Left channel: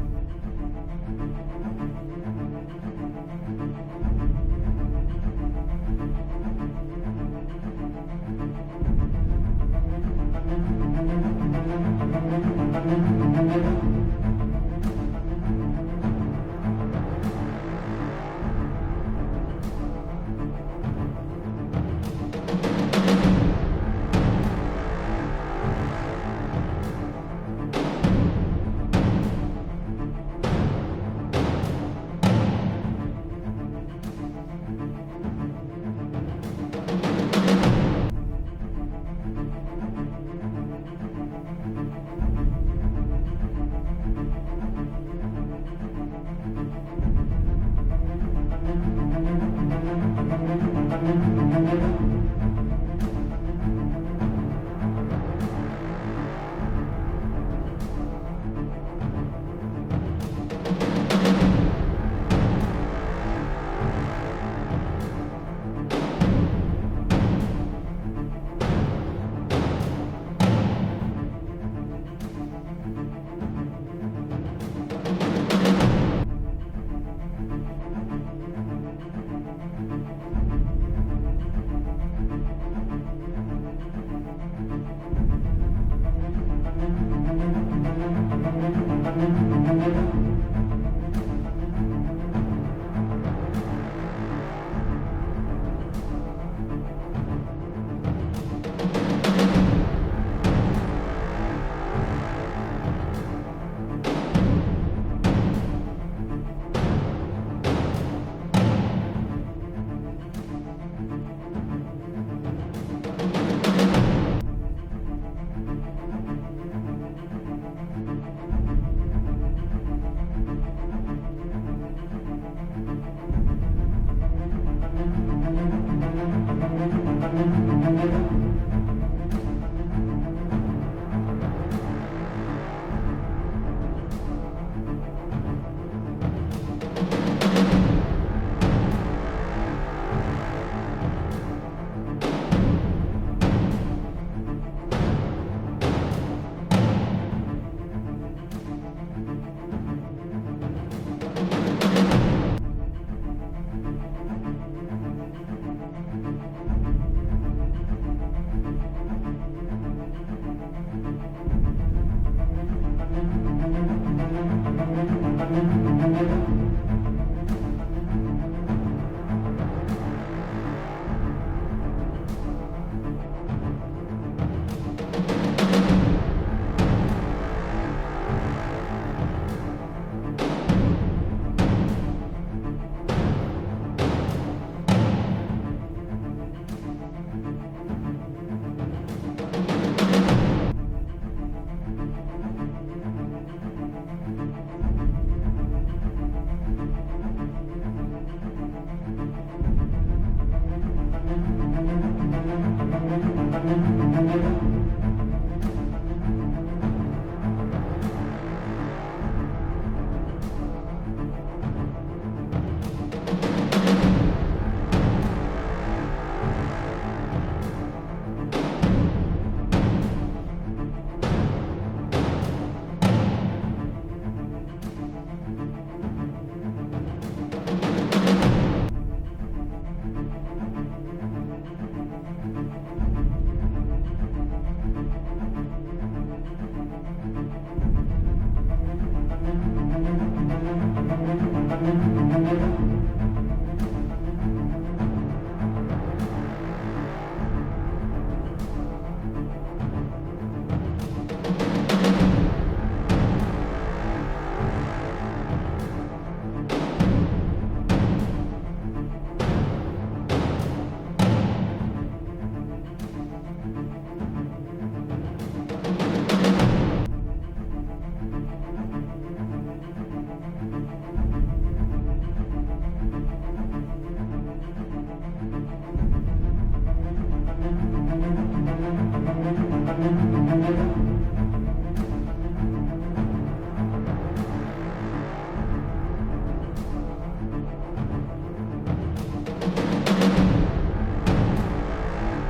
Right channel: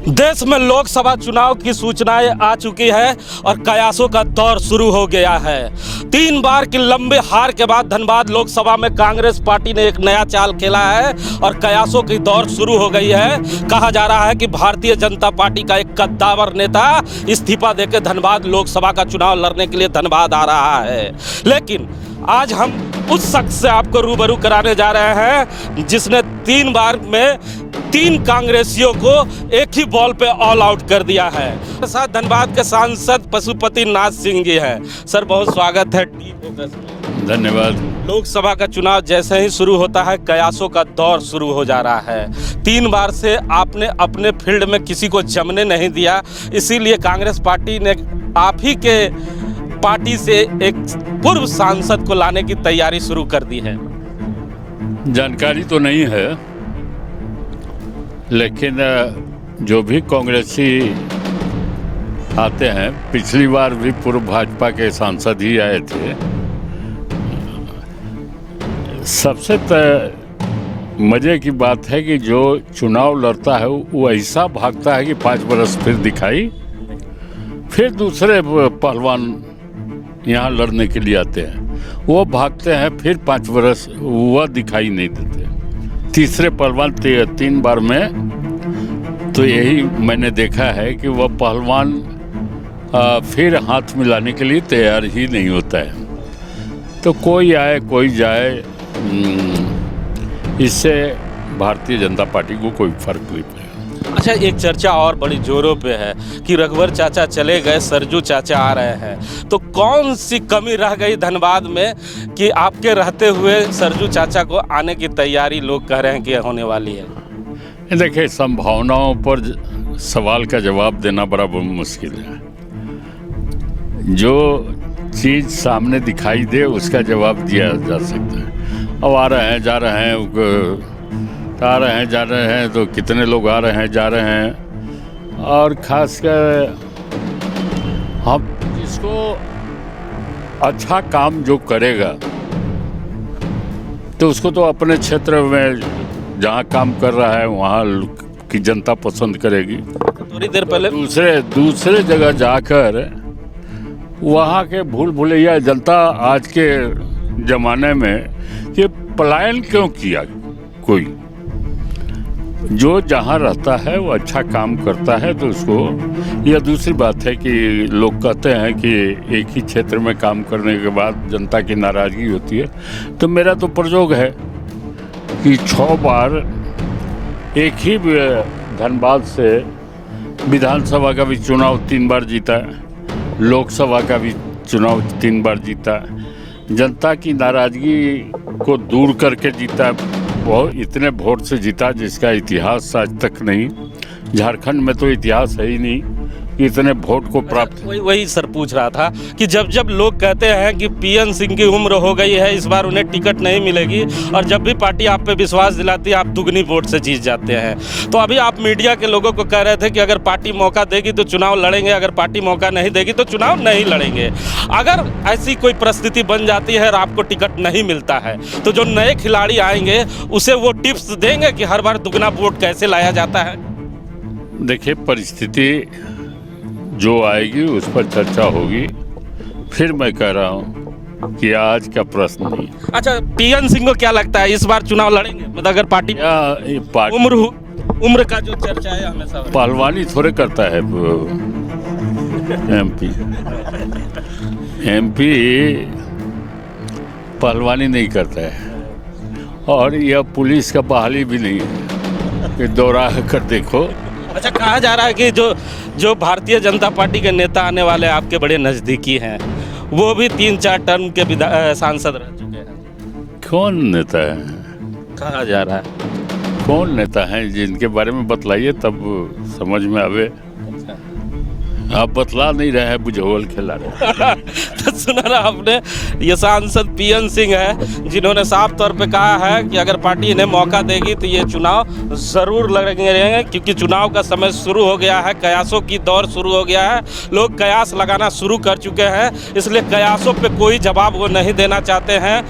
देश में लोकसभा चुनाव की सूचनाएं आ चुकी है और कयासों का दौर शुरू हो गया है। 3 बार की लंबे हार के बाद धनबाद लोकसभा में कांग्रेस पार्टी ने एक नया चाल खेला है और कयासों की दौर शुरू हो गई है। कहा जा रहा है कि भारतीय जनता पार्टी का एक कद्दावर नेता इस्तीफा देकर धनबाद लोकसभा का चुनाव लड़ने के लिए धनबाद आ रहा है। लेकिन आज हम उस शख्स से आपको रूबरू कराने जा रहे हैं जिसने 3 बार में 3 कांग्रेसियों को एक ही बॉल पे ऑल आउट कर दिया है। साथ धनबाद के सांसद पशुपति नाथ सिंह जी हैं। सर, बहुत स्वागत है। धन्यवाद। लोकसभा का चुनाव जैसे ही शुरू होता है कयासों का दौर शुरू हो जा रहा है। 3 बार से आपने अपने फील्ड में किसी को जमने नहीं दिया, इसीलिए कांग्रेस पार्टी ने आप ही के पार्टी से एक पूर्व सांसद को लाने की तैयारी शुरू कर दी है। जानकारी तो नहीं है, लेकिन जो भी कांग्रेसी आते हैं, पिछली बार भी पूर्व भाजपा के सांसद ही आए थे। सबसे मजे की बात है कि जो चुनाव लड़ता है वो ऐसा भागता है कि 5 बरस फिर दिखाई, फिर दूसरे पहलवान यहाँ लड़ने के लिए आते हैं, वो भागते हैं, फिर 5 बरस वह दिखाई नहीं देते। तीसरे पहलवान 3 बार में तो यही मैंने देखा है कि वह पहलवान फिर हाथ मिलाने के लिए तैयार ही नहीं होता है। तो कोई आए कोई जाए, इससे भारतीय जनता पार्टी को कोई फर्क नहीं पड़ेगा। अच्छा, एक चर्चा और बड़ी जोरों पे है कि रघुवर चाचा चले गए, सरजू चाचा आ रहे हैं। तो कौन सी कमी रह गई धनबाद में कि आपके रहते हुए सरजू चाचा को आने की तैयारी लोग कह रहे हैं कि होने वाली है? देखिए, संभावनाओं पर सवाल का जवाब देना बड़ा मुश्किल है। जो चीज़ सामने दिखाई दे उसका जवाब दिया जा सकता है। अब आ रहे हैं, जा रहे हैं, आ रहे हैं, जा रहे हैं, तो कितने लोग आ रहे हैं, जा रहे हैं। और खासकर हम इसको अच्छा काम जो करेगा तो उसको तो अपने क्षेत्र में जहाँ काम कर रहा है वहाँ की जनता पसंद करेगी। थोड़ी देर पहले दूसरे जगह जाकर वहाँ के भूल भुलैया जनता आज के ज़माने में ये पलायन क्यों किया? कोई जो जहाँ रहता है वो अच्छा काम करता है तो उसको, यह दूसरी बात है कि लोग कहते हैं कि एक ही क्षेत्र में काम करने के बाद जनता की नाराज़गी होती है। तो मेरा तो प्रयोग है कि 6 बार एक ही धनबाद से विधानसभा का भी चुनाव 3 बार जीता, लोकसभा का भी चुनाव 3 बार जीता, जनता की नाराज़गी को दूर करके जीता। बहुत इतने वोट से जीता जिसका इतिहास आज तक नहीं। झारखंड में तो इतिहास है ही नहीं कि इतने वोट को प्राप्त। वही सर पूछ रहा था कि जब लोग कहते हैं कि पीएन सिंह की उम्र हो गई है, इस बार उन्हें टिकट नहीं मिलेगी, और जब भी पार्टी आप पे विश्वास दिलाती है आप दुगनी वोट से जीत जाते हैं। तो अभी आप मीडिया के लोगों को कह रहे थे कि अगर पार्टी मौका देगी तो चुनाव लड़ेंगे, अगर पार्टी मौका नहीं देगी तो चुनाव नहीं लड़ेंगे। अगर ऐसी कोई परिस्थिति बन जाती है और आपको टिकट नहीं मिलता है तो जो नए खिलाड़ी आएंगे उसे वो टिप्स देंगे कि हर बार दुगना वोट कैसे लाया जाता है? देखिए, परिस्थिति जो आएगी उस पर चर्चा होगी। फिर मैं कह रहा हूँ कि आज का प्रश्न नहीं। अच्छा, पीएन सिंह को क्या लगता है इस बार चुनाव लड़ेंगे? मतलब अगर पार्टी उम्र का जो चर्चा है हमेशा, पहलवानी थोड़े करता है एमपी पहलवानी नहीं करता है, और यह पुलिस का बहाली भी नहीं है कि दौड़ा कर देखो। अच्छा, कहा जा रहा है कि जो भारतीय जनता पार्टी के नेता आने वाले आपके बड़े नज़दीकी हैं, वो भी 3-4 टर्म के सांसद रह चुके हैं। कौन नेता है? कहा जा रहा है। कौन नेता हैं जिनके बारे में बतलाइए तब समझ में आवे। आप बतला नहीं रहे हैं, बुझोल खिला रहे। तो सुना ना आपने, ये सांसद पीएन सिंह है जिन्होंने साफ तौर पे कहा है कि अगर पार्टी इन्हें मौका देगी तो ये चुनाव ज़रूर लड़ेंगे, क्योंकि चुनाव का समय शुरू हो गया है, कयासों की दौर शुरू हो गया है, लोग कयास लगाना शुरू कर चुके हैं, इसलिए कयासों पे कोई जवाब वो नहीं देना चाहते हैं।